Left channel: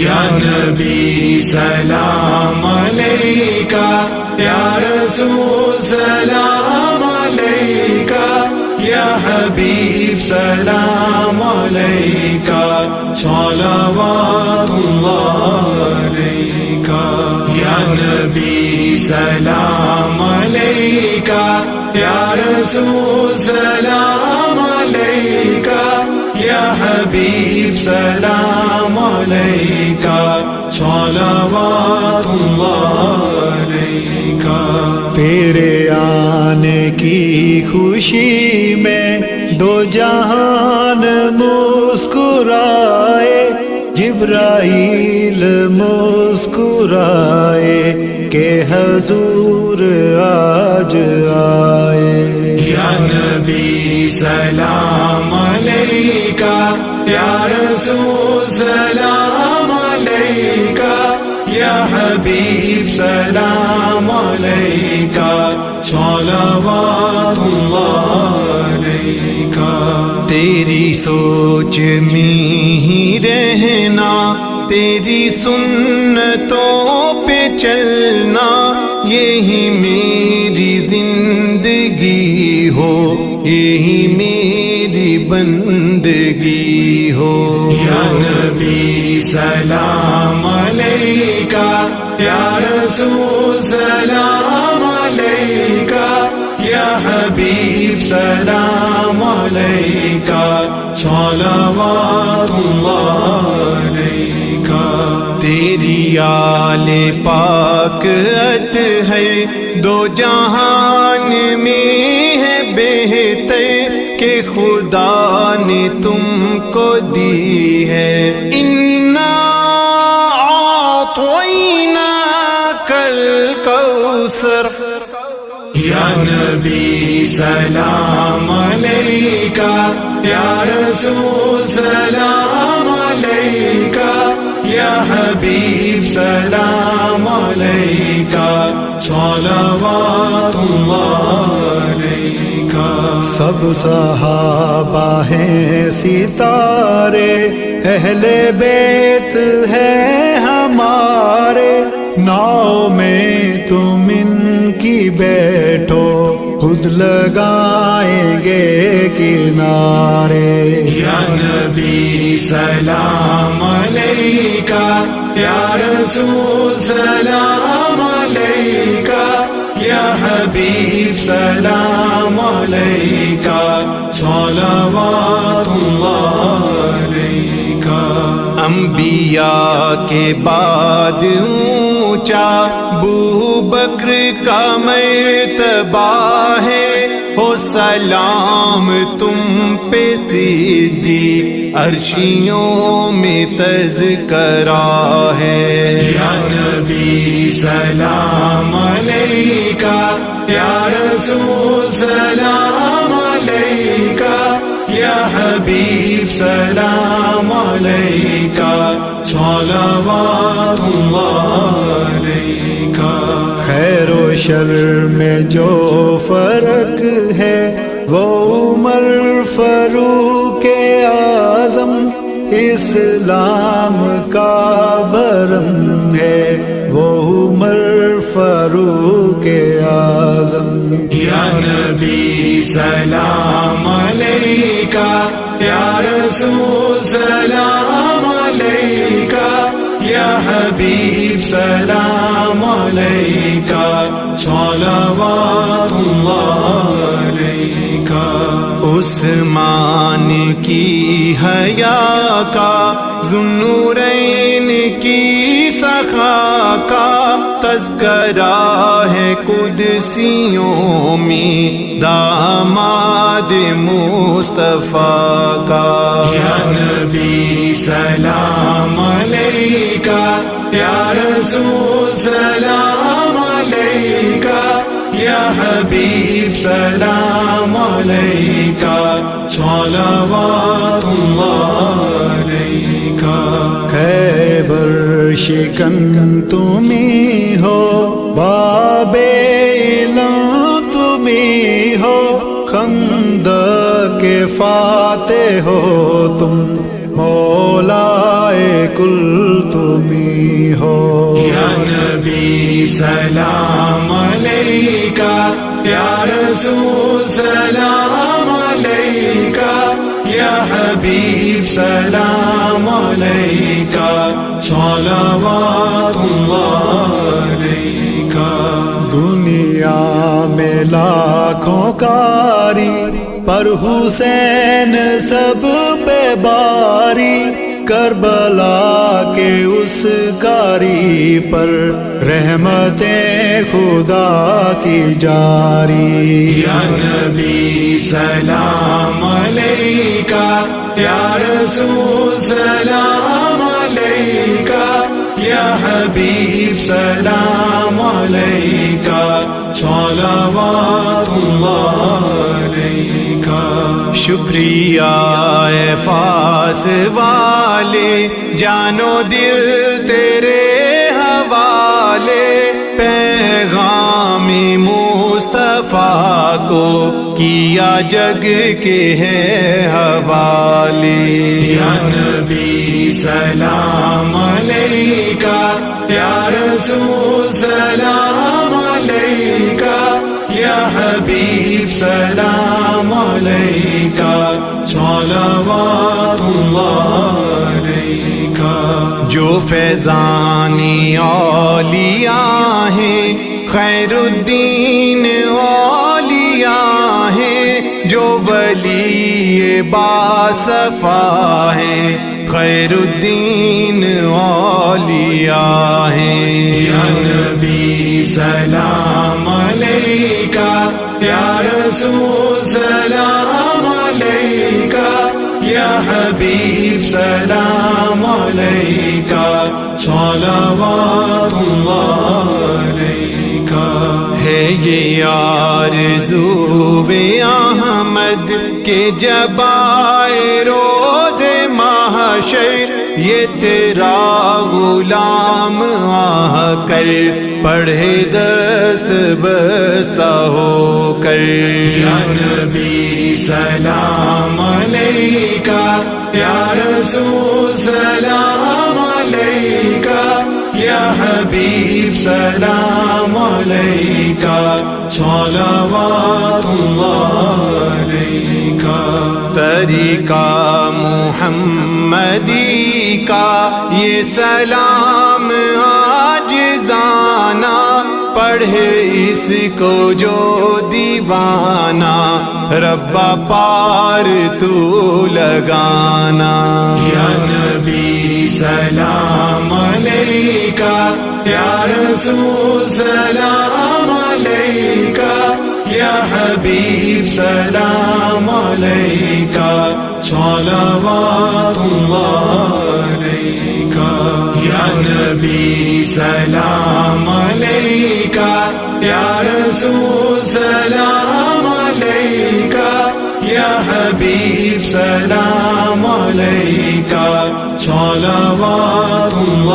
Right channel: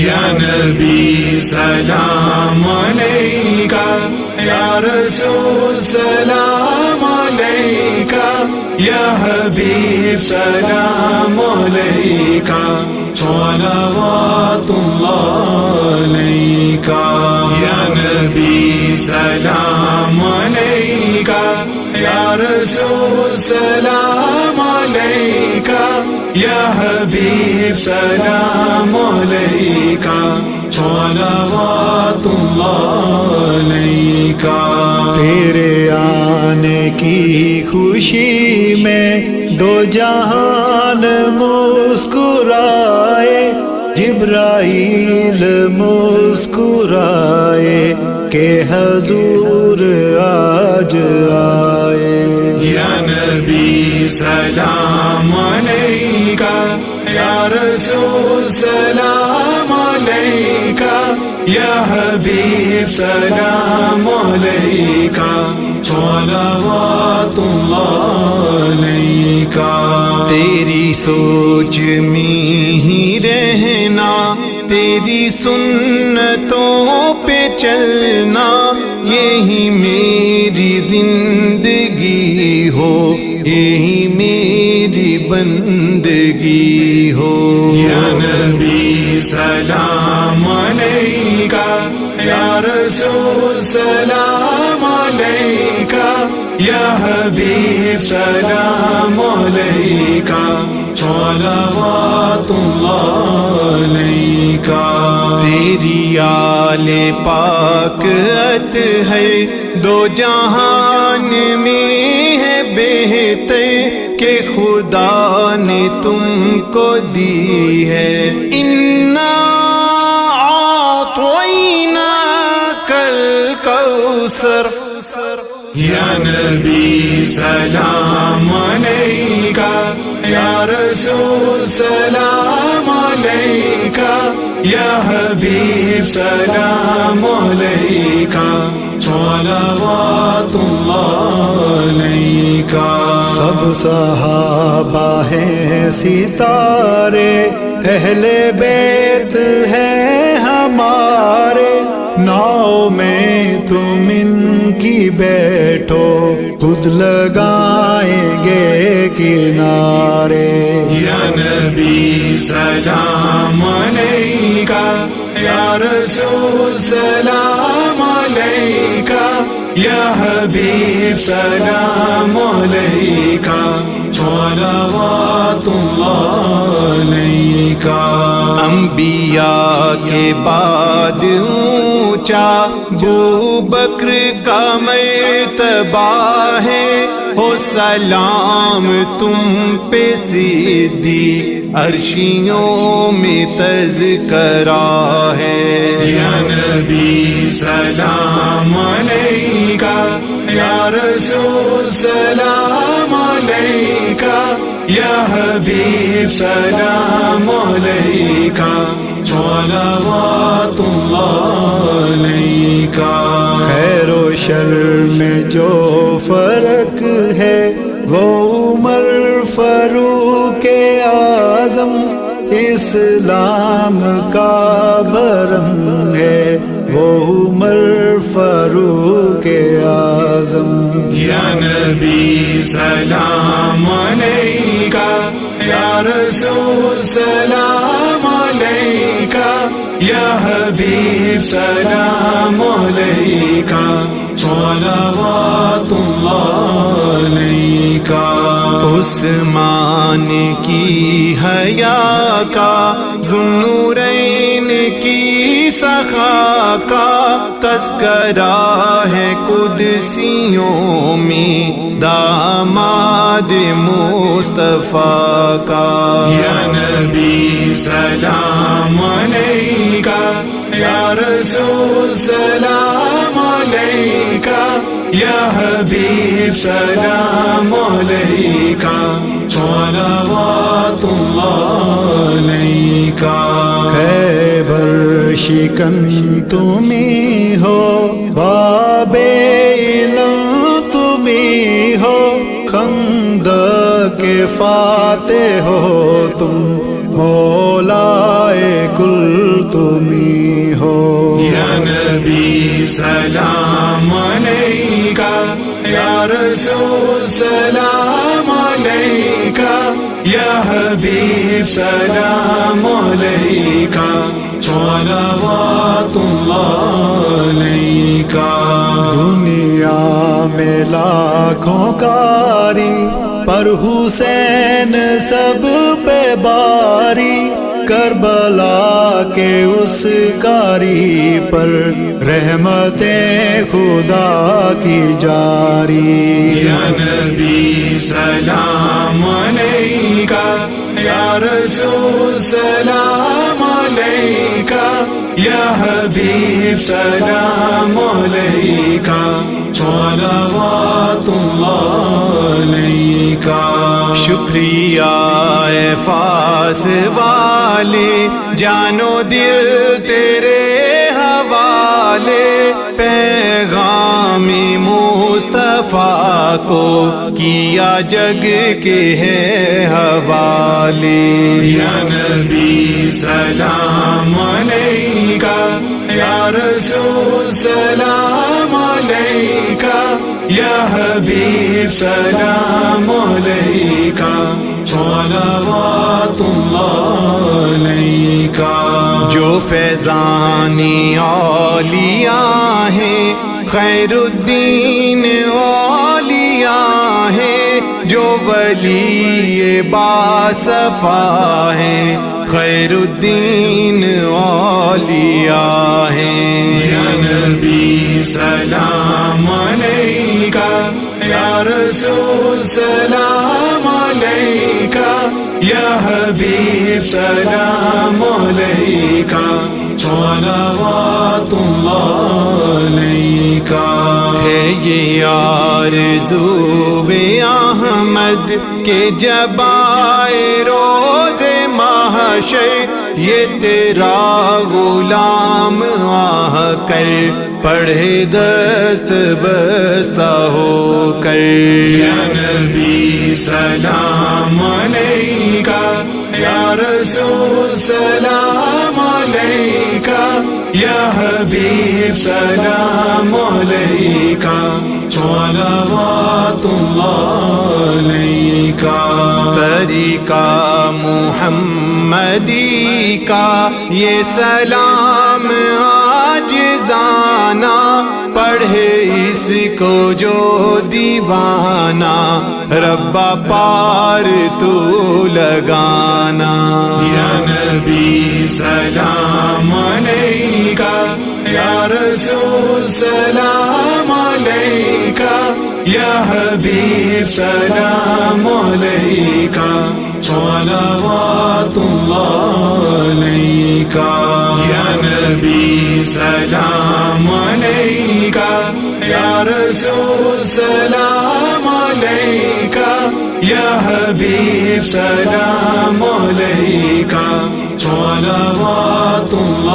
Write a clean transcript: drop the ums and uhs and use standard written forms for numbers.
یا نبی سلام علیکہ، یا رسول سلام علیکہ، یا حبیب سلام علیکہ، صلوات اللہ علیکہ۔ یا نبی سلام علیکہ، یا رسول سلام علیکہ، یا حبیب سلام علیکہ، صلوات اللہ علیکہ۔ تیرے آنے کی خوشی میں دو جہان مسکرائے، جبرائیل مسکرائے کہ حضور آج آئے۔ یا نبی سلام علیکہ، یا رسول سلام علیکہ، یا حبیب سلام علیکہ، صلوات اللہ علیکہ۔ تیری سوچ میں ہی رہنا، تیری سنتوں پہ چلنا، یہی میری زندگی ہو، یہی میری بندگی ہو۔ یا نبی سلام علیکہ، یا رسول سلام علیکہ، یا حبیب سلام علیکہ، صلوات اللہ علیکہ۔ تیری آل پاک اطہر دو جہان میں ہے بہتر، کہ خدا نے تم کو دی ہے۔ انا اعطیناک الکوثر۔ یا نبی سلام علیکہ، یا رسول سلام علیکہ، یا حبیب سلام علیکہ، صلوات اللہ علیکہ۔ سب صحابہ ہیں ستارے، اہل بیت ہیں ہمارے، ناؤ میں تم ان کی بیٹھو، خود لگائیں گے کنارے۔ یا نبی سلام علیکہ، یا رسول سلام علیکہ، یا حبیب سلام علیکہ، صلوات اللہ علیکہ۔ انبیاء کے بعد اونچا ابوبکر کا مرتبہ ہے، ہو سلام تم پہ صدیق، عرشیوں میں تذکرہ ہے۔ یا نبی سلام علیکہ، یا رسول سلام علیکہ، یا حبیب سلام علیکہ، صلوات اللہ علیکہ۔ خیر و شر میں جو فرق ہے، وہ عمر فاروق اعظم اسلام کا برم ہے، وہ عمر فاروق اعظم۔ یا نبی سلام علیکہ، یا رسول سلام علیکہ، یا حبیب سلام علیکہ، صلوات اللہ علیکہ۔ عثمان کی حیا کا، ذوالنورین کی سخا کا تذکرہ ہے قدسیوں میں، داماد مصطفیٰ کا۔ یا نبی سلام علیکہ، یا رسول سلام علیکہ، یا حبیب سلام علیکہ، صلوات اللہ علیکہ۔ خیبر شکن تمہیں ہو، باب علم تمہیں ہو، خندق کے فاتح ہو تم، مولائے کل تمہیں ہو. یا نبی سلام علیکہ، یا رسول سلام علیکہ، یا حبیب سلام علیکہ، صلوات اللہ علیکہ. دنیا میں لاکھوں کاری پر حسین سب پہ باری. کربلا کے اس کاری پر رحمتیں خدا کی جاری. یا نبی سلام علیکہ، یا رسول سلام علیکہ، یا حبیب سلام علیکہ، صلوات اللہ علیکہ. شکریہ اے فاس والے، جانو دل تیرے حوالے. پیغام مصطفیٰ کو کیا جگ کے ہے حوالے. یا نبی سلام علیکہ، یا رسول سلام علیکہ، یا حبیب سلام علیکہ، صلوات اللہ علیکہ. جو فیضانی اولیاء ہیں خیر الدین اولیاء ہیں، جو ولی باصفا ہیں خیر الدین اولیاء ہیں. یا نبی سلام علیکہ، یا رسول سلام علیکہ، یا حبیب سلام علیکہ، صلوات اللہ علیکہ. ہے یہ آرزو احمد کہ جب آئے روز محشر، یہ تیرا غلام آ کر پڑھے دست بستہ ہو کر. یا نبی سلام علیکہ، یا رسول سلام علیکہ، یا حبیب سلام علیکہ، صلوات اللہ علیکہ. طریقہ محمدی کا یہ سلام عاجزانہ، پڑھے اس کو جو دیوانہ، ربا پار تو لگانا. یا نبی سلام علیکہ، یا رسول سلام علیکہ، یا حبیب سلام علیکہ، صلوات اللہ علیکہ. یا نبی سلام علیکہ، یا رسول سلام علیکہ، یا حبیب سلام علیکہ، صلوات اللہ